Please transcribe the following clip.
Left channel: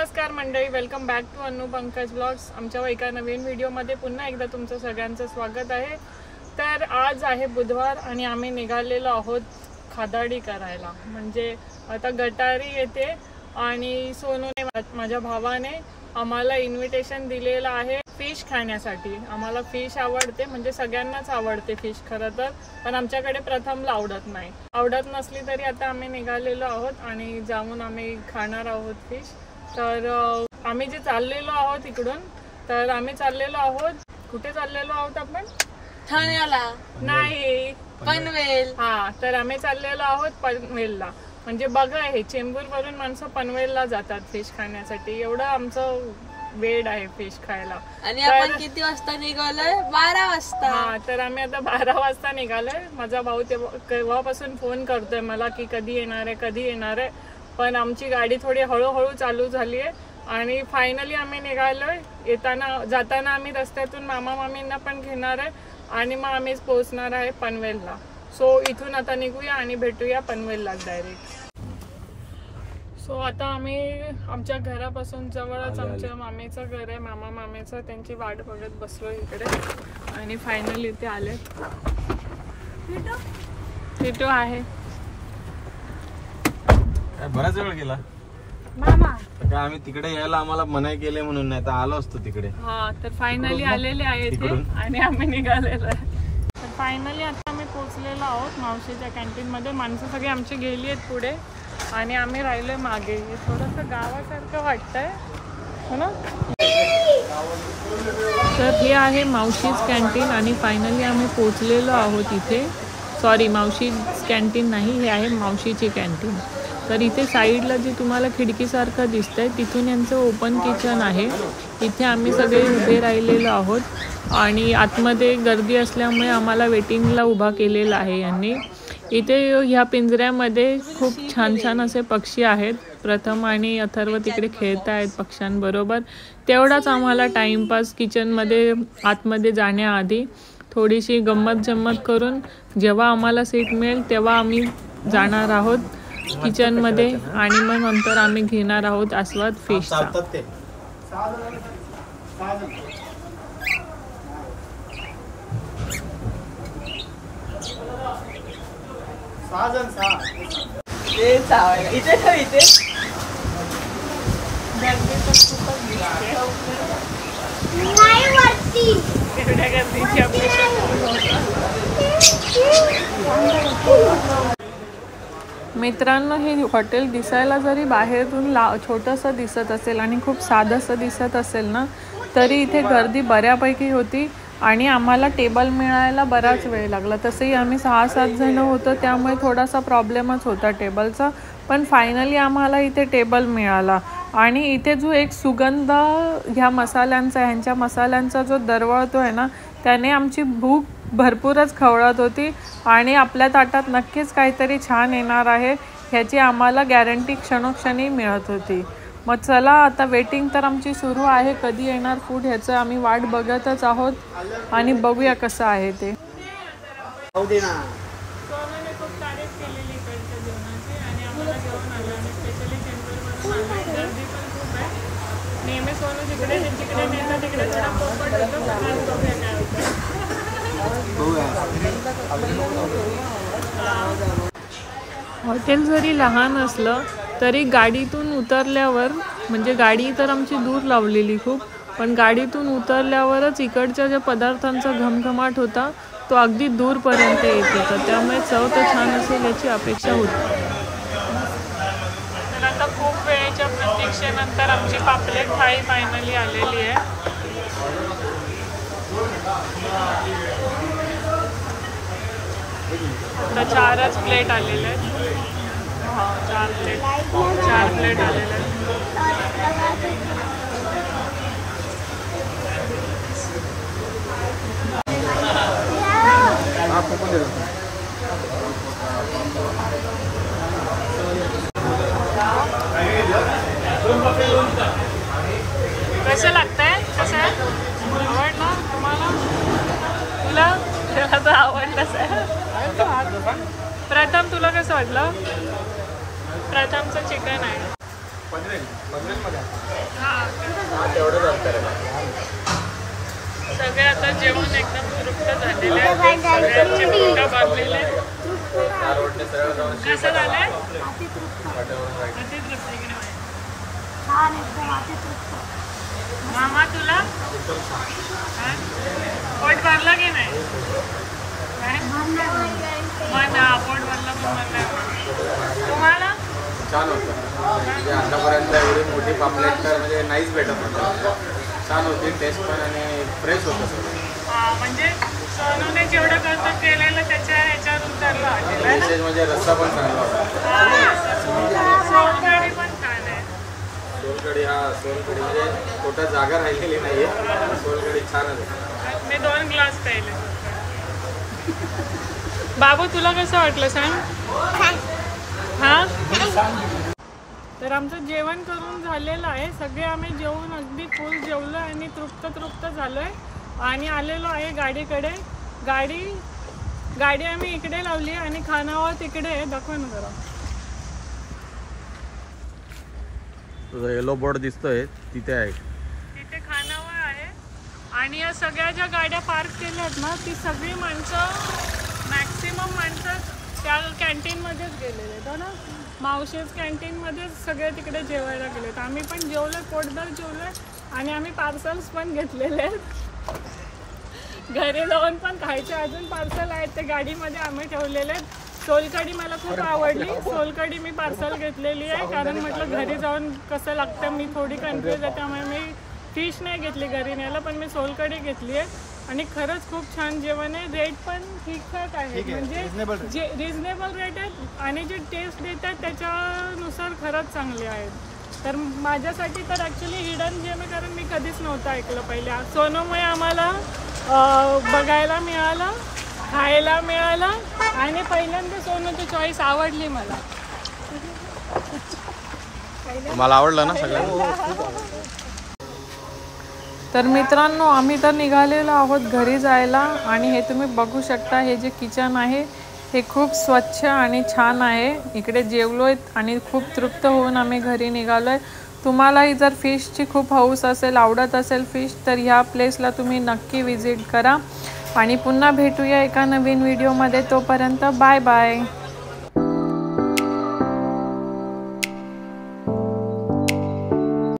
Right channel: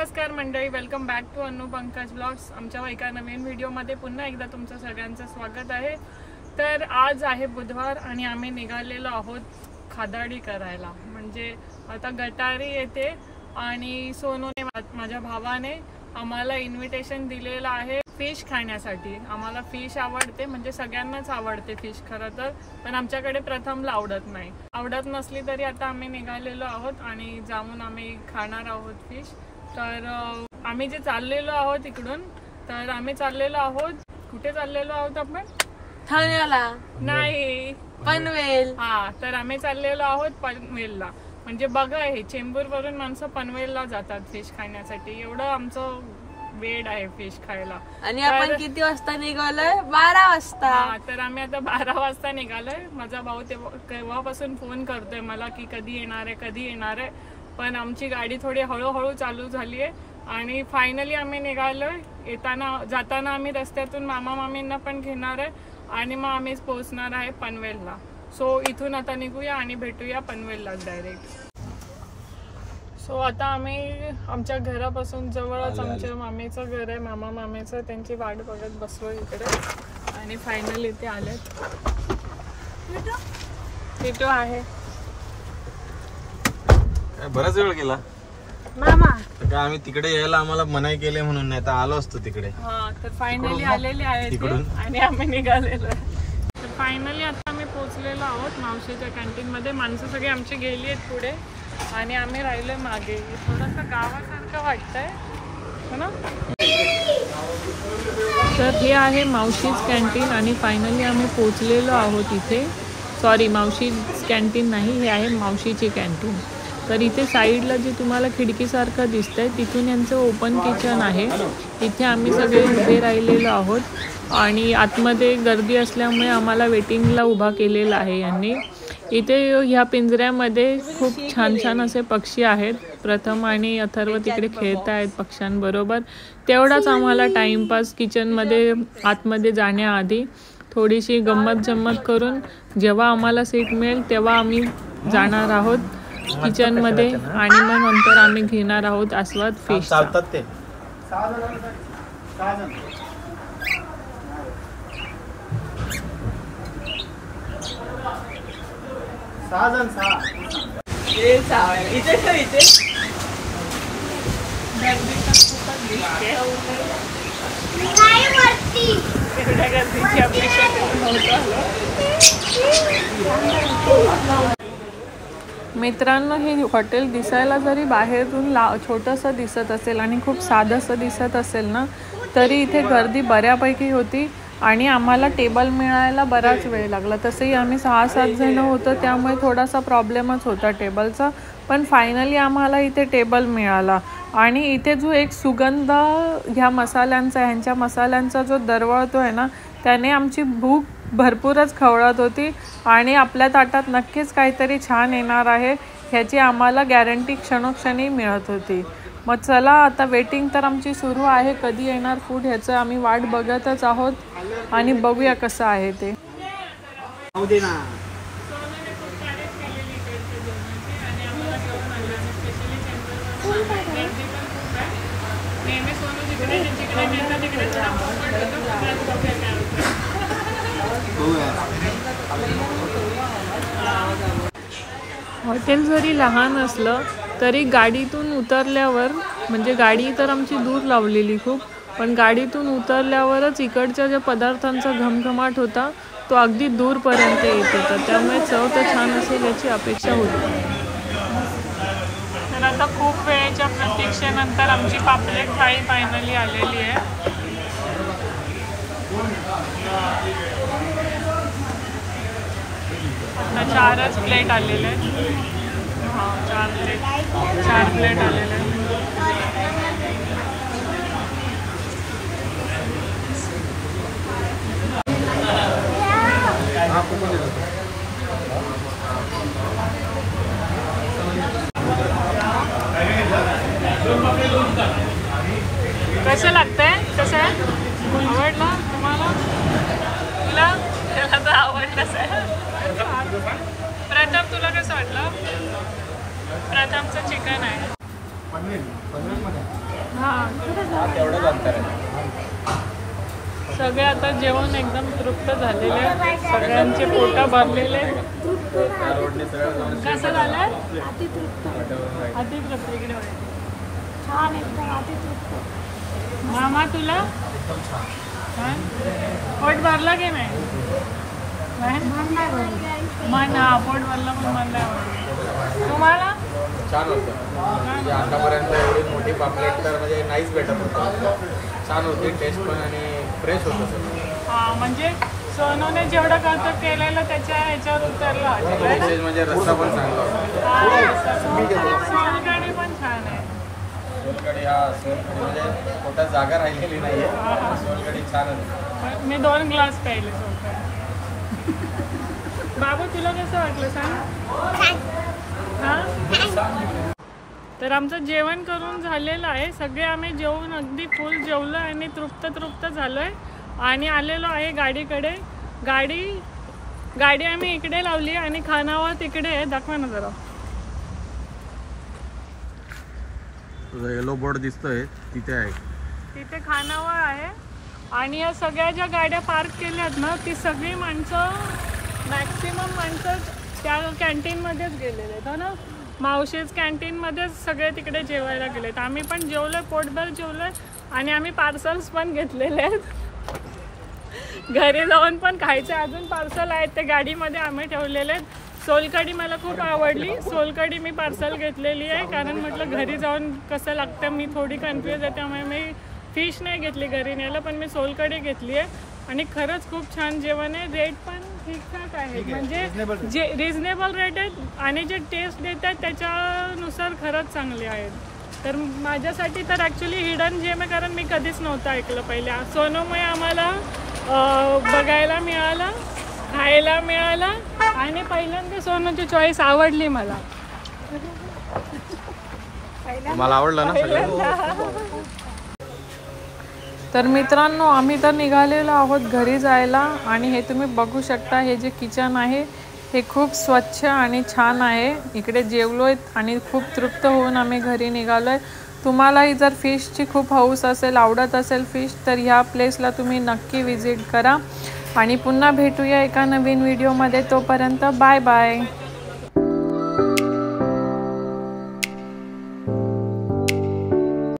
नमस्कार मंडळी, welcome back to अनु पंकज ब्लॉग्स। आमच्या एका नवीन व्हिडिओमध्ये पुन्हा एकदा तुमचं सगळ्यांचं स्वागत आहे। तर आज आहे बुधवार आणि आम्ही निघालेलो आहोत खादाडी करायला। म्हणजे आता गटारी येते आणि सोनूने माझ्या भावाने आम्हाला इन्व्हिटेशन दिलेलं आहे फिश खाण्यासाठी। आम्हाला फिश आवडते, म्हणजे सगळ्यांनाच आवडते फिश खरं तर, पण आमच्याकडे प्रथमला आवडत नसली तरी आता आम्ही निघालेलो आहोत आणि जाऊन आम्ही खाणार आहोत फिश। तर आम्ही जे चाललेलो आहोत इकडून, तर आम्ही चाललेलो आहोत, कुठे चाललेलो आहोत आपण? ठाण्याला नाही, पनवेल। हा, तर आम्ही चाललेलो आहोत पनवेलला। म्हणजे बघा, हे चेंबूर वरून माणसं पनवेलला जातात फिश खाण्यासाठी, एवढं आमचं वेड आहे फिश खायला। आणि आपण किती वाजता निघालोय? 12 वाजता। हा, तर आम्ही आता 12 वाजता निघालोय। माझा भाऊ तेव्हापासून फोन करतोय मला की कधी येणार आहे, पण आमची गाडी थोडी हळूहळू चालू झाली आहे आणि फायनली आम्ही निघालोय। जाताना आम्ही रस्त्यातून मामा मामींना पण घेणार आहे आणि मग आम्ही पोहोचणार आहे पनवेलला। सो इथून आता निघूया आणि भेटूया पनवेलला डायरेक्ट। सो आता आम्ही आमच्या घरापासून जवळच आमच्या मामीचं घर आहे, मामा मामीचं, त्यांची वाट बघत बसलो इकडे आणि फायनली इथे आलेत। मिठू आहे, बराच वेळ गेला मामा। तर आम्ही तिकडे यायला आम्हाला मनाई केले म्हणून, नाही तर आलो असतो तिकडे। हा, तर फायनली आलेले आहेत आणि आम्ही निघालेलो आहे। तर फायनली आता आम्ही पोहोचलेलो आहोत मावशीच्या कॅन्टीन मध्ये। माणसं सगळी आमची गेली आहेत पुढे आणि आम्ही राहिलो मागे। थोडंसं गावासारखं वाटतंय ना। तर हे आहे मावशीच कॅन्टीन आणि फायनली आम्ही पोहोचलेलो आहोत इथे। सॉरी, मावशीच कॅन्टीन नाही, हे आहे मावशीची कॅन्टीन। तर इथे साईडला जे तुम्हाला खिडकीसारखं दिसतंय तिथून यांचं ओपन किचन आहे। इथे आम्ही सगळे उभे राहिलेलो आहोत आणि आतमध्ये गर्दी असल्यामुळे आम्हाला वेटिंगला उभा केलेला आहे यांनी। इथे ह्या पिंजऱ्यामध्ये खूप छान छान असे पक्षी आहेत। प्रथम आणि अथर्व तिकडे खेळत आहेत पक्ष्यांबरोबर। तेवढाच आम्हाला टाईमपास किचनमध्ये आतमध्ये जाण्याआधी थोडीशी गंमत जम्मत करून जेव्हा आम्हाला सीट मिळेल तेव्हा आम्ही जाणार आहोत किचनमध्ये आणि मग नंतर आम्ही घेणार आहोत आस्वाद फिशचा। एवढ्या गर्दीची अपेक्षा मित्रांनो, हे हॉटेल दिसायला जरी बाहेरून छोटंसं दिसत असेल आणि खूप साधंसं दिसत असेल ना, तरी इथे गर्दी बऱ्यापैकी होती आणि आम्हाला टेबल मिळायला बराच वेळ लागला। तसंही आम्ही 6-7 जण होतो, त्यामुळे थोडासा प्रॉब्लेमच होता टेबलचा, पण फायनली आम्हाला इथे टेबल मिळाला। आणि इथे जो एक सुगंध ह्यांच्या मसाल्यांचा जो दरवळतो आहे ना, त्याने आमची भूक भरपूरच खवळत होती आणि आपल्या ताटात नक्कीच काहीतरी छान येणार आहे ह्याची आम्हाला गॅरंटी क्षणोक्षणी मिळत होती। मग चला, आता वेटिंग तर आमची सुरू आहे, कधी येणार फूड ह्याचं आम्ही वाट बघतच आहोत आणि बघूया कसं आहे ते। हॉटेल जरी लहान असलं तरी गाडीतून उतरल्यावर, म्हणजे गाडी तर आमची दूर लावलेली खूप, पण गाडीतून उतरल्यावरच इकडच्या ज्या पदार्थांचा घमघमाट होता तो अगदी दूरपर्यंत येत होता, त्यामुळे चव तर छान असेल याची अपेक्षा होती। तर आता खूप वेळेच्या प्रतीक्षेनंतर आमची पापलेट थाळी फायनली आलेली आहे। आता 4च प्लेट आलेले आहेत। हा, 4 प्लेट आलेले आहेत। कसं लागतंय? कसं आहे? आवडला तुम्हाला? तुला तर आवडलंच आहे। प्रथम, तुला कसं वाटलं? प्रथमचं चिकन आहे। सगळे आता जेवण एकदम तृप्त झालेले आहेत, सगळ्यांचे पोटा भरलेले. कसं झालंय? अतितृप्त इकडे होय. मामा तुला पोट भरलं की नाही? मन पोट भरलं पण मन नाही. तुम्हाला छान होतं. म्हणजे आतापर्यंत एवढी मोठी पापलेट तर म्हणजे नाहीच भेटत होतं. छान होती टेस्ट पण आणि फ्रेश होतं. हा म्हणजे सोनूने जेवढं खर्च केलेलं त्याच्या ह्याच्यावर उतरलं. म्हणजे रस्सा पण चांगला. सोलकढी पण छान आहे. सोलकढी सोलकढी म्हणजे पोटात जागा राहिलेली नाहीये. सोलकढी छानच आहे. मी 2 ग्लास प्यायले सोलकढी. बाबू तुला कसं वाटलं सांग? हा तर आमचं जेवण करून झालेलं आहे. सगळे आम्ही जेवून अगदी फुल जेवलो आणि तृप्त झालोय आणि आलेलो आहे गाडीकडे. गाडी आम्ही इकडे लावली आणि खानावळ तिकडे आहे. दाखवा ना जरा. येलो बोर्ड दिसतोय तिथे आहे. तिथे खानावळ आहे आणि या सगळ्या ज्या गाड्या पार्क केल्यात ना ती सगळी माणसं मॅक्सिमम माणसं त्या कॅन्टीनमध्येच गेलेले आहेत ना. मावशीच कॅन्टीनमध्येच सगळे तिकडे जेवायला गेलेत. आम्ही पण जेवलोय, पोटभर जेवलोय आणि आम्ही पार्सल्स पण घेतलेले आहेत. घरी जाऊन पण खायचे अजून पार्सल आहेत ते गाडीमध्ये आम्ही ठेवलेले आहेत. सोलकढी मला खूप आवडली. सोलकढी मी पार्सल घेतलेली आहे कारण म्हटलं घरी जाऊन कसं लागतं. मी थोडी कन्फ्यूज आहे त्यामुळे मी फिश नाही घेतली घरी न्यायला, पण मी सोलकढी घेतली आहे आणि खरंच खूप छान जेवण आहे. रेट पण ठीकठाक आहेत, म्हणजे जे रिजनेबल रेट आहेत आणि जे टेस्ट देतात त्याच्यानुसार खरंच चांगले आहेत. तर माझ्यासाठी तर ॲक्च्युली हिडन जेम आहे कारण मी कधीच नव्हतं ऐकलं पहिले. सोनूमुळे आम्हाला बघायला मिळालं, खायला मिळालं आणि पहिल्यांदा सोनूची चॉईस आवडली मला. मला आवडलं ना सगळ्यांना. तर मित्रांनो आम्ही तर निघालेलो आहोत घरी जायला आणि हे तुम्ही बघू शकता. हे जे किचन आहे हे खूप स्वच्छ आणि छान आहे. इकडे जेवलोय आणि खूप तृप्त होऊन आम्ही घरी निघालोय. तुम्हालाही जर फिशची खूप हौस असेल, आवडत असेल फिश, तर ह्या प्लेसला तुम्ही नक्की विजिट करा आणि पुन्हा भेटूया एका नवीन व्हिडिओमध्ये. तोपर्यंत बाय बाय.